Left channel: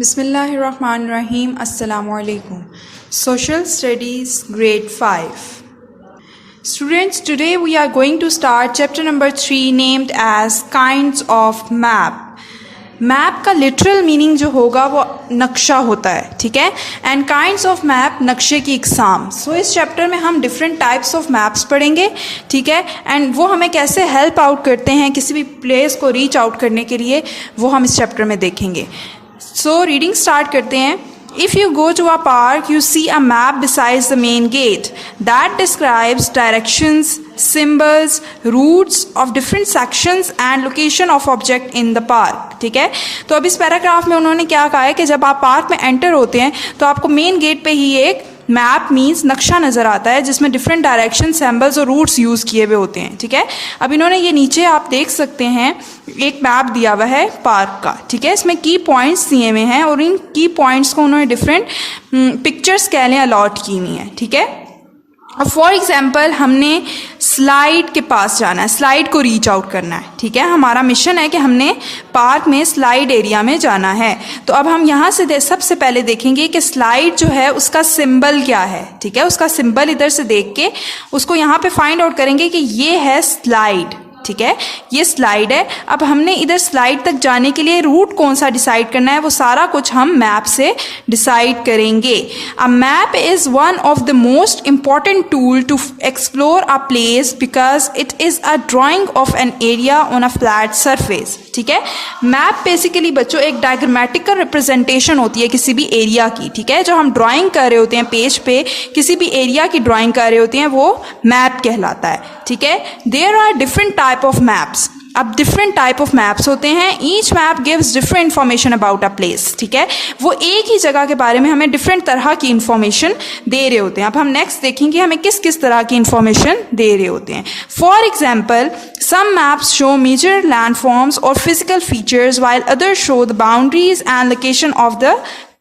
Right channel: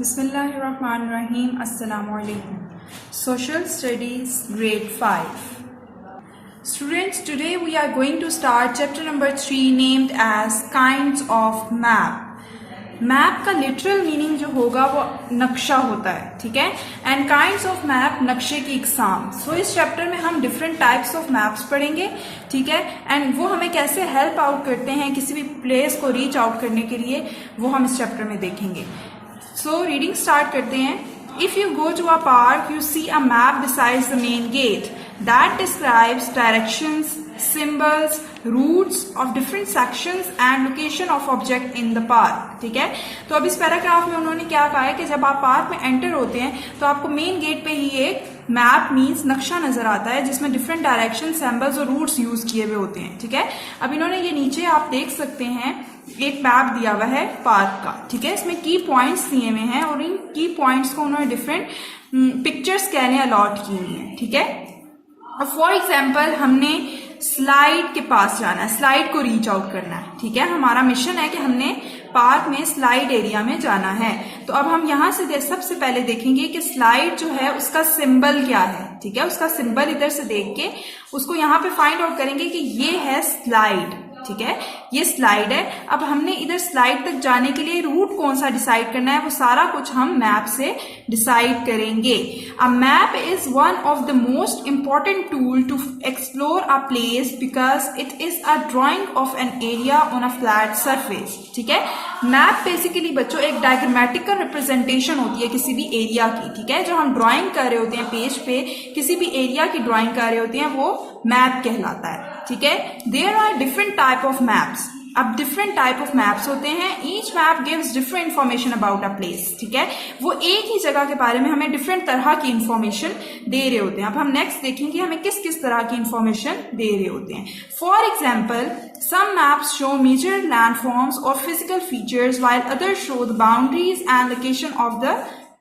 Bismillahirrahmanirrahim. Assalamu alaikum. Social Studies Grade 5. Students, today we are going to start chapter number 3 named as Kinds of Map. Map का literal meaning जो होगा वो नक्शा होता है, ठीक है. एंड काइंड्स ऑफ मैप, नक्शे की इकसाम. सो इस चैप्टर में हम डिफरेंट टाइप्स ऑफ मैप्स पढ़ेंगे, ठीक है. एंड वो हमें कैसे हेल्प आउट करते हैं किसी भी प्लेस को रीच आउट करने के लिए, वो हम इस चैप्टर में देखेंगे. सो रीडिंग स्टार्ट करते हैं. If you go to a park, you see a map besides the main gate that describes directions, symbols, routes of different sections and location of object in the park. ठीक है. तो अब इस paragraph में उन्होंने क्या कहा है कि जब आप पार्क में एंटर होते हैं तो आपको मेन गेट पे ही एक मैप मीन्स नक्शा नज़र आता है जिसमें डिफरेंट डायरेक्शन, सिंबल्स और रूट्स यूज़ किए हुए होते हैं, ठीक है. अब इन्होंने ये नीचे आप देख सकते हैं एक मैप दिया हुआ है पार्क का, ठीक है. इसमें की पॉइंट्स दिए हुए हैं और इन की पॉइंट्स को उन्होंने डिफरेंट पिक्चर्स कह लें अलॉट की हुई हैं, ठीक है. अब फॉर एग्जाम्पल हमने स्लाइड के पास जाना है, स्लाइड को रीच आउट करना है, ठीक है. हमारा मिशन है कि हमने पार्क में स्लाइड एरिया में जाना है. तो अब हम यहाँ से सबसे पहले देखेंगे कि स्लाइड जो है उसका सिंबल क्या है, ठीक है. उसका सिंबल इधर से देख के उसको यहाँ पे फाइंड आउट करेंगे कि ये है स्लाइड, ठीक है. ये स्लाइड है. अब हमने इधर स्लाइड तक जाने के लिए रूट कौन सा डिसाइड करना है, वो सारा कुछ हम मैप से डिसाइड करेंगे. A map is one of the most important tool to explore a place because it is a drawing of an area on a flat surface, ठीक है. मैप बेसिकली बच्चों एक डायग्रामेटिकल रिप्रेजेंटेशन होती है किसी भी एरिया की, ठीक है. जो हम ड्राइंग कर रहे होते हैं पेज पे, किसी भी एरिया की ड्राइंग कर रहे होते हैं, वो मैप कहलाता है, ठीक है. There are different type of maps. अब डिफरेंट टाइप ऑफ मैप्स होते हैं. Each map gives different information about a place, ठीक है. वो एक ही जगह के बारे में हमें डिफरेंट तरह की इंफॉर्मेशन दे रहे होते हैं. अब हम नेक्स्ट देखेंगे हमें किस किस तरह की इंफॉर्मेशन दे रहे होते हैं. For example some maps show major landforms or physical features while others show the boundaries and location of the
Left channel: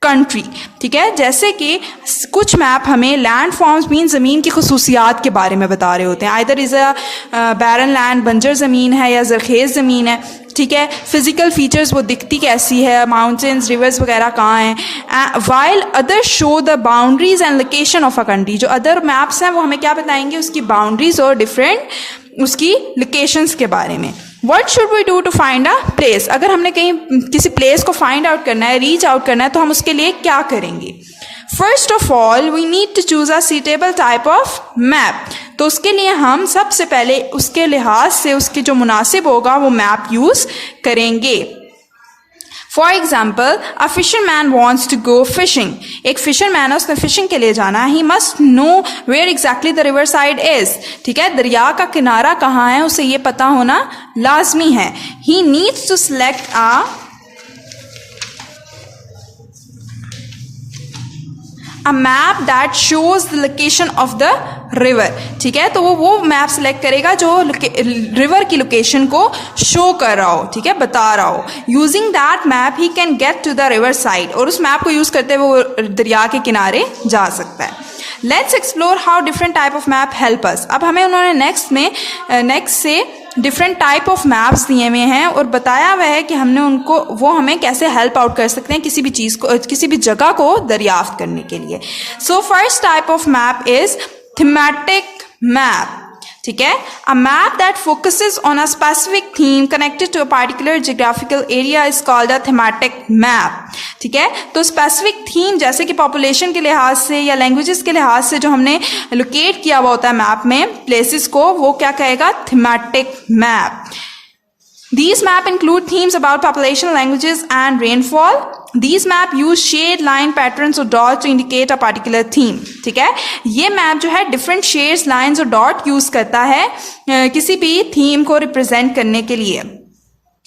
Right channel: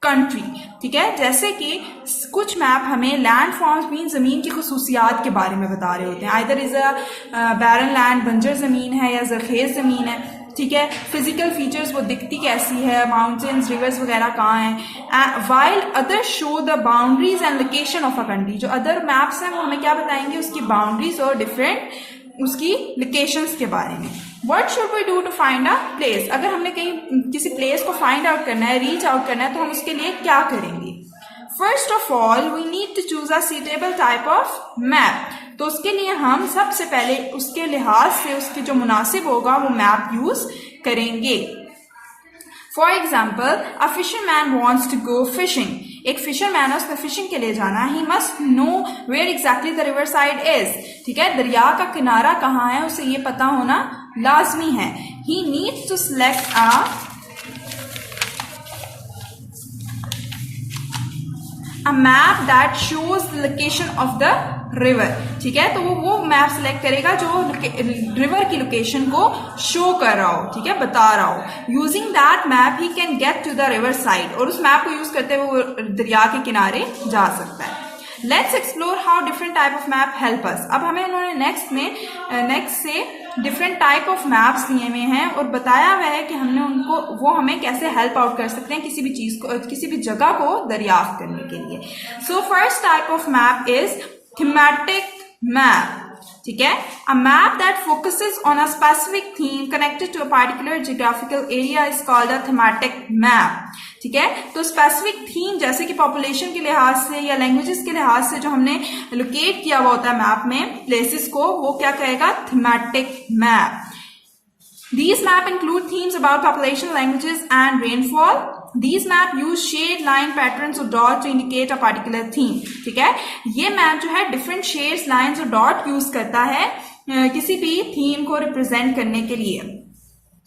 country, ठीक है. जैसे कि कुछ मैप हमें लैंड फॉर्म्स मीन ज़मीन की खसूसियात के बारे में बता रहे होते हैं. Either is a barren land, बंजर ज़मीन है या जरखेज़ ज़मीन है, ठीक है. फिजिकल फीचर्स वो दिखती कैसी है, माउंटेन्स, रिवर्स वगैरह कहाँ हैं. While other show the boundaries and location of a country. जो अदर मैप्स हैं वो हमें क्या बताएंगे, उसकी बाउंड्रीज और डिफरेंट उसकी लोकेशंस के बारे में. What should we do to find a place? अगर हमने कहीं किसी प्लेस को फाइंड आउट करना है, रीच आउट करना है, तो हम उसके लिए क्या करेंगे. First of all we need to choose a suitable type of map. तो उसके लिए हम सबसे पहले उसके लिहाज से उसके जो मुनासिब होगा वो मैप यूज करेंगे. For example a fisherman wants to go fishing. एक फिशरमैन है, उसने फिशिंग के लिए जाना है. He must know where exactly the river side is, ठीक है. दरिया का किनारा कहाँ है उसे ये पता होना लाजमी है. He needs to select a map that shows the location of the river, ठीक है. तो वो मैप सेलेक्ट करेगा जो रिवर की लोकेशन को शो कर रहा हो, ठीक है, बता रहा हो. Using that map he can get to the river side. और उस मैप को यूज करते हुए वो दरिया के किनारे जा सकता है. Let's explore how different type of map help us. अब हमें उन्होंने नेक्स्ट से डिफरेंट टाइप ऑफ मैप्स दिए हुए हैं और बताया हुआ है कि हमने उनको वो हमें कैसे हेल्प आउट कर सकते हैं किसी भी चीज़ को, किसी भी जगह को दरियाफ्त करने के लिए. So first type of map is thematic map, ठीक है. A map that focuses on a specific theme connected to a particular geographical area is called a thematic map, ठीक है. तो स्पेसिफिक थीम जैसे कि पॉपुलेशन के लिहाज से या लैंग्वेजेस के लिहाज से जो हमने लोकेट किया हुआ होता है मैप में प्लेसेस को, वो क्या कहेगा, thematic map. These map include themes about population, languages, and rainfall. These map use shade, line, patterns और dots to indicate a particular theme. ठीक है. ये मैप जो है different shades, lines और dot use करता है किसी भी theme को represent करने के लिए.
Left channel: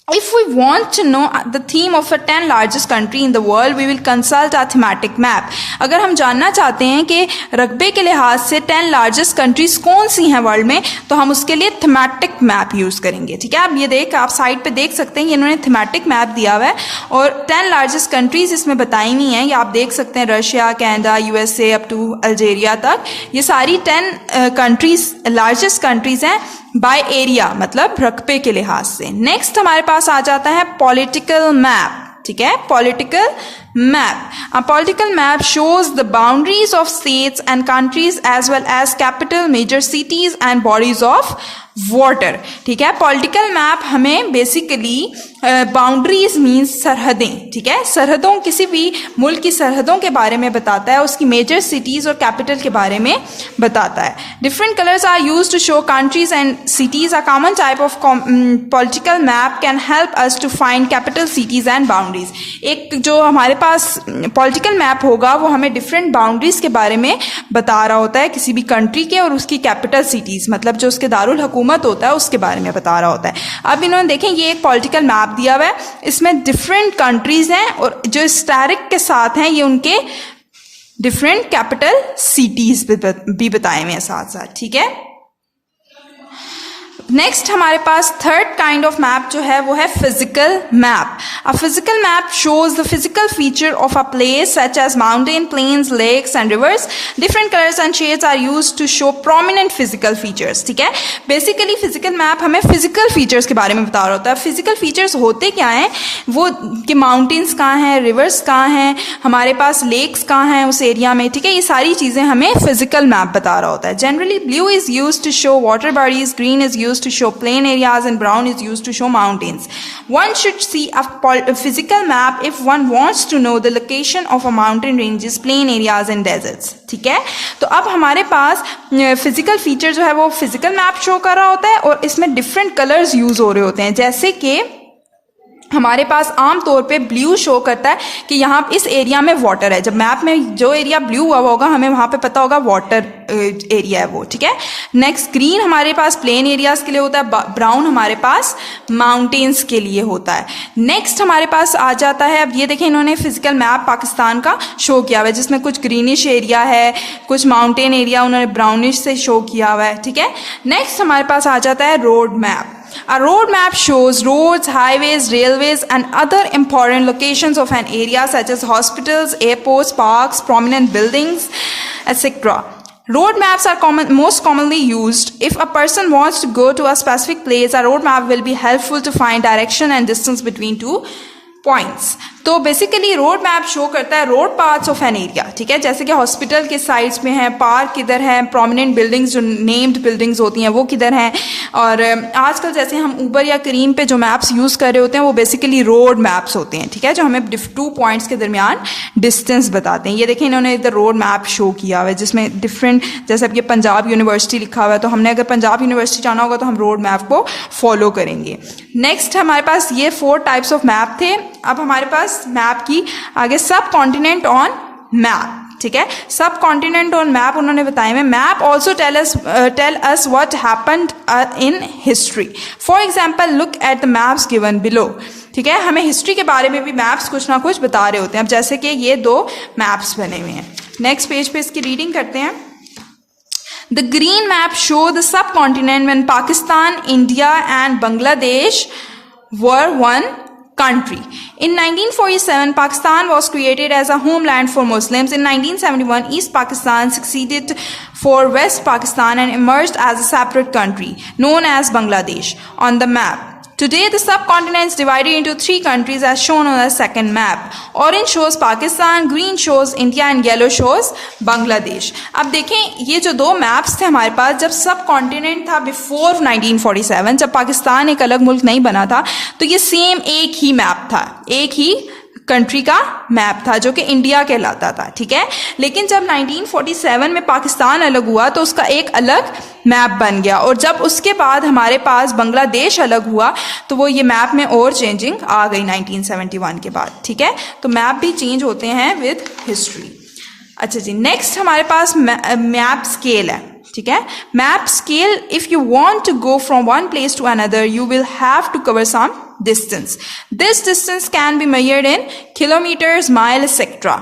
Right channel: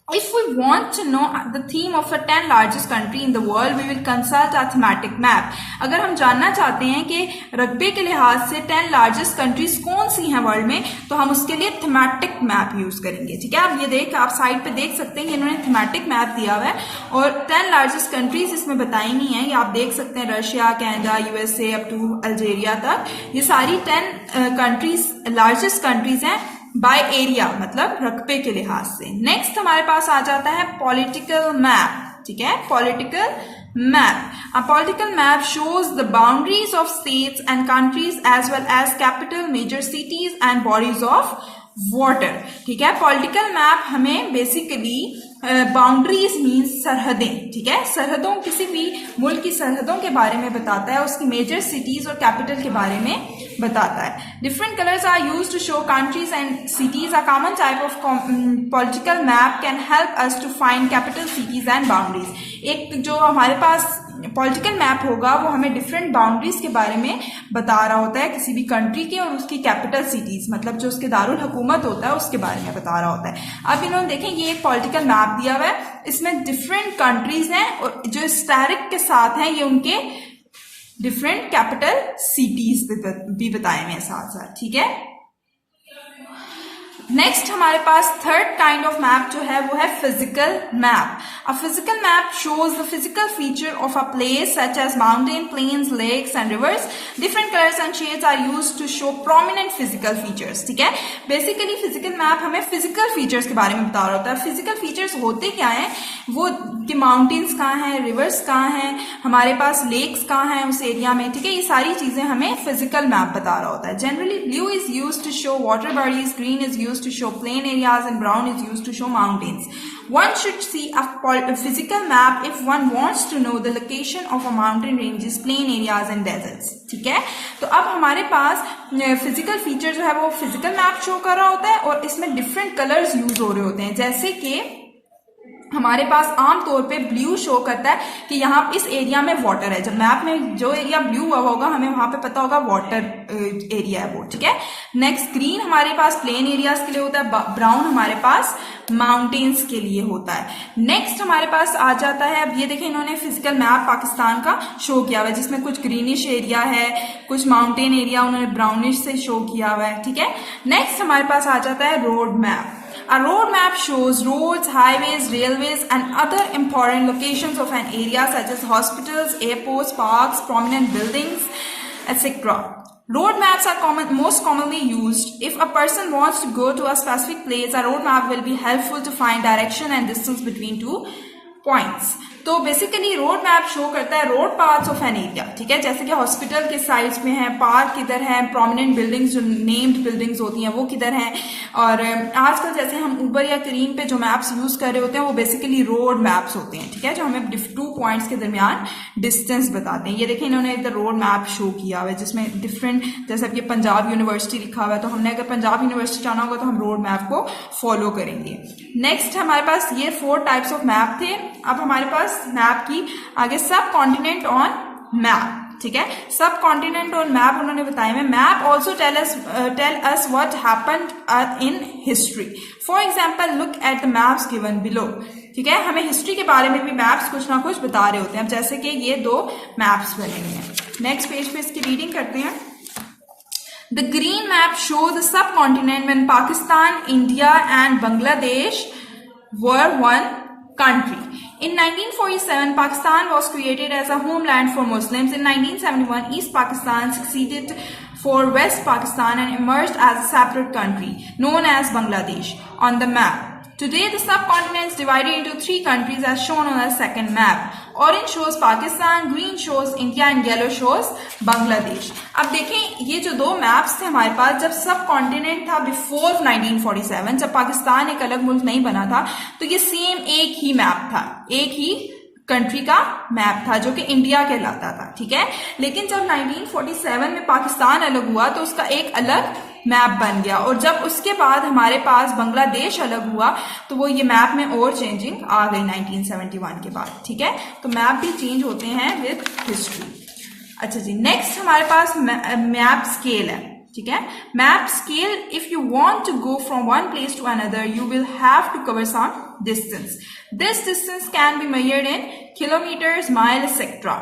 If we want to know the theme of a 10 largest country in the world, we will consult a thematic map. अगर हम जानना चाहते हैं कि रकबे के लिहाज से 10 largest countries कौन सी हैं वर्ल्ड में, तो हम उसके लिए thematic map यूज करेंगे, ठीक है. अब आप साइड पे देख सकते हैं, ये इन्होंने thematic map दिया हुआ है और 10 largest countries इसमें बताई हुई हैं. ये आप देख सकते हैं Russia, Canada, USA up to Algeria तक. ये सारी 10 कंट्रीज लार्जेस्ट कंट्रीज हैं बाय एरिया, मतलब रकबे के लिहाज से. नेक्स्ट हमारे पास आ जाता है पॉलिटिकल मैप. ठीक है, political map. A political map shows the boundaries of states and countries as well as capital, major cities and bodies of water. ठीक है, पॉलिटिकल मैप हमें बेसिकली बाउंड्रीज मीन्स सरहदें, ठीक है, सरहदों, किसी भी मुल्क की सरहदों के बारे में बताता है, उसकी मेजर सिटीज और कैपिटल के बारे में बताता है. Different colours are used to show countries and cities. A common type of political map can help us to find capital, cities and boundaries. एक जो हमारे पास पॉलिटिकल मैप होगा वो हमें डिफरेंट बाउंड्रीज के बारे में बता रहा होता है किसी भी कंट्री के, और उसकी कैपिटल सिटीज मतलब जो उसके दारुल हुकूमत होता है उसके बारे में बता रहा होता है. अब इन्होंने देखें ये एक पॉलिटिकल मैप दिया हुआ है, इसमें डिफरेंट कंट्रीज हैं और जो स्टैरिक के साथ हैं ये उनके डिफरेंट कैपिटल सिटीज भी बताए हुए हैं साथ साथ. ठीक है, नेक्स्ट हमारे पास थर्ड काइंड ऑफ मैप जो है वो है physical map. A physical map shows the physical feature of a place such as mountain, plains, lakes and rivers. Different colours and shades are used to show prominent physical features. ठीक है, basically physical map हमें physical features के बारे में बता रहा होता है. फिजिकल फीचर्स होते क्या हैं, वो कि माउंटेन्स कहाँ हैं, रिवर्स कहाँ हैं, हमारे पास लेक्स कहाँ हैं उस एरिया में. ठीक है, ये सारी चीजें हमें फिजिकल मैप बता रहा होता है. Generally blue is used to show water bodies, green is used to show plain areas and brown is used to show mountains. One should see a physical map if one wants to know the location of a mountain ranges, plain areas and deserts. ठीक है, तो अब हमारे पास physical feature जो है वो physical map show कर रहा होता है और इसमें डिफरेंट कलर्स यूज हो रहे होते हैं. जैसे कि हमारे पास आम तौर पे ब्लू शो करता है कि यहाँ इस एरिया में वाटर है. जब मैप में जो एरिया ब्लू हुआ होगा हमें वहां पे पता होगा वाटर एरिया है वो. ठीक है, नेक्स्ट ग्रीन हमारे पास प्लेन एरियाज के लिए होता है, ब्राउन हमारे पास माउंटेन्स के लिए होता है. नेक्स्ट हमारे पास आ जाता है, अब ये देखें इन्होंने फिजिकल मैप पाकिस्तान का शो किया हुआ है जिसमें कुछ ग्रीनिश एरिया है, कुछ माउंटेन एरिया उन्होंने ब्राउनिश से शो किया हुआ है. ठीक है, नेक्स्ट हमारे पास आ जाता है road map. A road map shows roads, highways, railways and other important locations of an area such as hospitals, airports, parks, prominent buildings, etc. Road maps are most commonly used. If a person wants to go to a specific place, a road map will be helpful to find direction and distance between two points. तो basically road map show करता है road parts of an area. ठीक है, जैसे कि hospital के sides में है, पार्क किधर है, प्रोमिनेंट बिल्डिंग्स जो नेम्ड बिल्डिंग्स होती हैं वो किधर हैं. और आजकल जैसे हम ऊबर या करीम पे जो मैप्स यूज कर रहे होते हैं वो बेसिकली रोड मैप्स होते हैं. ठीक है, जो हमें टू पॉइंट्स के दरमियान डिस्टेंस बताते हैं. ये देखें इन्होंने इधर रोड मैप शो किया हुआ है जिसमें डिफरेंट, जैसे अब ये पंजाब यूनिवर्सिटी लिखा हुआ है तो हमने अगर पंजाब यूनिवर्सिटी जाना होगा तो हम रोड मैप को फॉलो करेंगे. नेक्स्ट हमारे पास ये 4 टाइप्स ऑफ मैप थे. अब हमारे पास मैप की आगे सब कॉन्टिनेंट ऑन मैप. ठीक है, सब कॉन्टिनेंट ऑन मैप उन्होंने बताए हैं. Map also tell us what happened in history. For example look at the maps given below. ठीक है, हमें हिस्ट्री के बारे में भी मैप्स कुछ ना कुछ बता रहे होते हैं. अब जैसे कि ये 2 मैप्स बने हुए हैं. नेक्स्ट पेज पे इसकी रीडिंग करते हैं. The green map show the subcontinent when Pakistan, India and Bangladesh were one country. In 1947, Pakistan was created as a homeland for Muslims. In 1971, East Pakistan succeeded for West Pakistan and emerged as a separate country known as Bangladesh on the map. Today, the subcontinent is divided into 3 countries as shown on the second map. Orange shows Pakistan, green shows India and yellow shows Bangladesh. अब देखें ये जो 2 maps थे हमारे पास, जब सब continent था before 1947, जब पाकिस्तान एक अलग मुल्क नहीं बना था, तो ये सेम एक ही मैप था, एक ही कंट्री का मैप था जो कि इंडिया कहलाता था. ठीक है, लेकिन जब 1947 में पाकिस्तान अलग हुआ तो उसका एक अलग मैप बन गया, और जब उसके बाद हमारे पास बांग्लादेश अलग हुआ तो वो ये मैप में और चेंजिंग आ गई 1971 के बाद. ठीक है, तो मैप भी चेंज होते हैं विद हिस्ट्री. अच्छा जी, नेक्स्ट हमारे पास मैप स्केल है. ठीक है, map scale, if you want to go from one place to another you will have to cover some distance. This distance can be measured in kilometers, miles, etc.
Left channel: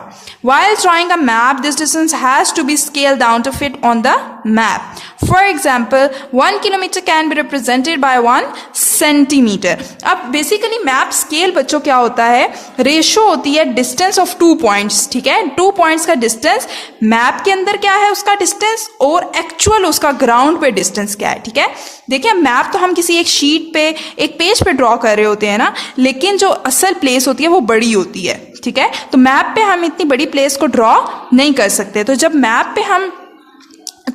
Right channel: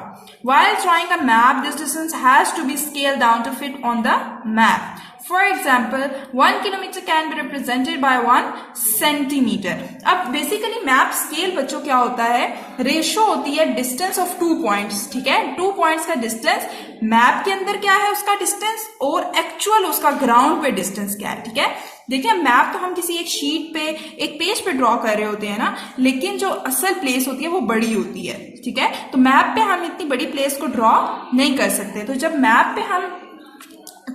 While drawing a map, this distance has to be scaled down to fit on the map. For example 1 kilometre can be represented by 1 centimetre. अब basically map scale बच्चों क्या होता है, ratio होती है distance of 2 points, ठीक है, 2 points का डिस्टेंस, मैप के अंदर क्या है उसका डिस्टेंस और एक्चुअल उसका ग्राउंड पे डिस्टेंस क्या है, ठीक है। देखिए मैप तो हम किसी एक शीट पे, एक पेज पे ड्रॉ कर रहे होते हैं ना, लेकिन जो असल प्लेस होती है वो बड़ी होती है, ठीक है। तो मैप पे हम इतनी बड़ी प्लेस को ड्रॉ नहीं कर सकते। तो जब मैप पे हम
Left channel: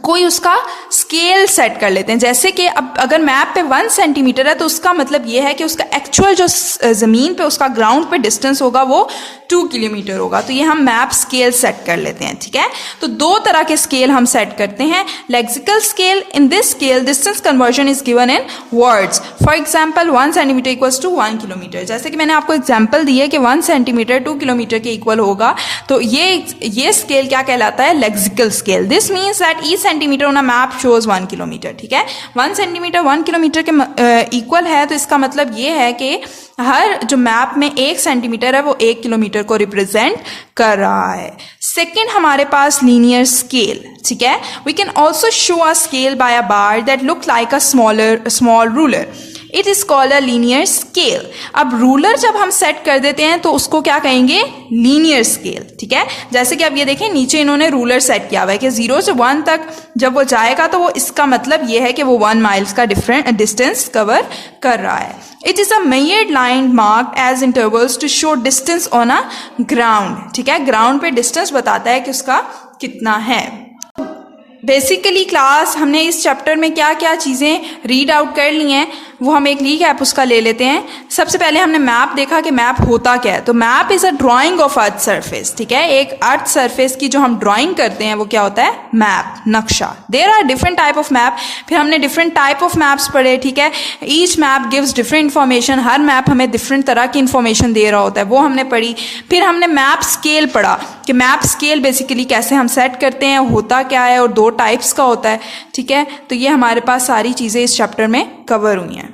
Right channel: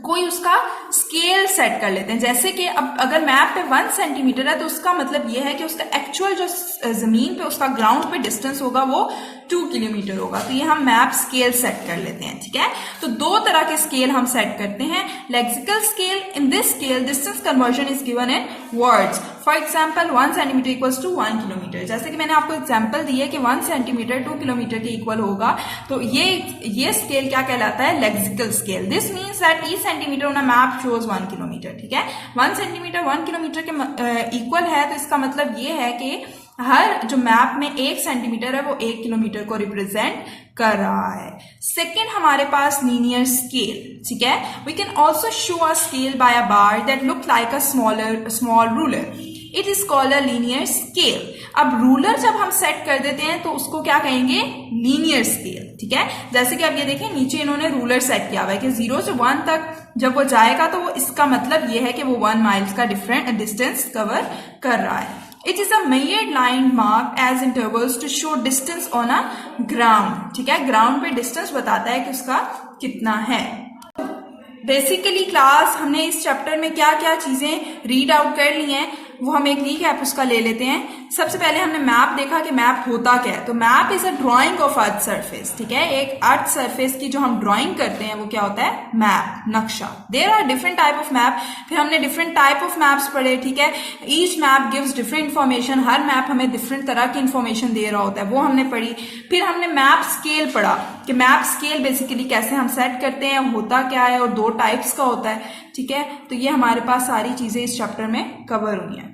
कोई उसका स्केल सेट कर लेते हैं, जैसे कि अब अगर मैप पे 1 सेंटीमीटर है तो उसका मतलब ये है कि उसका एक्चुअल जो जमीन पे उसका ग्राउंड पे डिस्टेंस होगा वो 2 किलोमीटर होगा। तो ये हम मैप स्केल सेट कर लेते हैं, ठीक है। तो 2 तरह के स्केल हम सेट करते हैं। Lexical scale, in this scale distance conversion is given in words. For example 1 centimetre equals to 1 kilometre. जैसे कि मैंने आपको एग्जाम्पल दी है कि 1 सेंटीमीटर 2 किलोमीटर के इक्वल होगा, तो ये स्केल क्या कहलाता है, lexical scale. This means that each centimetre on a map shows 1 kilometre, ठीक है। 1 सेंटीमीटर 1 किलोमीटर के इक्वल है, तो इसका मतलब ये है कि हर जो मैप में 1 सेंटीमीटर है वो 1 किलोमीटर को रिप्रेजेंट कर रहा है। सेकेंड हमारे पास लीनियर स्केल, ठीक है। We can also show a scale by a bar that look like a small ruler, it is called a linear scale. अब रूलर जब हम सेट कर देते हैं तो उसको क्या कहेंगे, लीनियर स्केल, ठीक है। जैसे कि अब ये देखें नीचे इन्होंने रूलर सेट किया हुआ है कि 0 से 1 तक जब वो जाएगा तो वो इसका मतलब ये है कि वो 1 माइल्स का डिफरेंट डिस्टेंस कवर कर रहा है। It is a measured line marked as intervals to show distance on a ground, ठीक है। ग्राउंड पे डिस्टेंस बताता है कि उसका कितना है। बेसिकली क्लास हमने इस चैप्टर में क्या क्या चीज़ें रीड आउट कर ली हैं वो हम एक रीकैप उसका ले लेते हैं। सबसे पहले हमने मैप देखा कि मैप होता क्या है। तो map is a drawing of earth surface, ठीक है। एक अर्थ सरफेस की जो हम ड्राइंग करते हैं वो क्या होता है, मैप, नक्शा। There are different type of map. फिर हमने डिफरेंट टाइप ऑफ मैप्स पढ़े, ठीक है। Each map gives different information, हर मैप हमें डिफरेंट तरह की इन्फॉर्मेशन दे रहा होता है, वो हमने पढ़ी। फिर हमने मैप स्केल पढ़ा कि मैप स्केल बेसिकली कैसे हम सेट करते हैं, होता क्या है और 2 टाइप्स का होता है, ठीक है। तो ये हमारे पास सारी चीज़ें इस चैप्टर में कवर हुई हैं।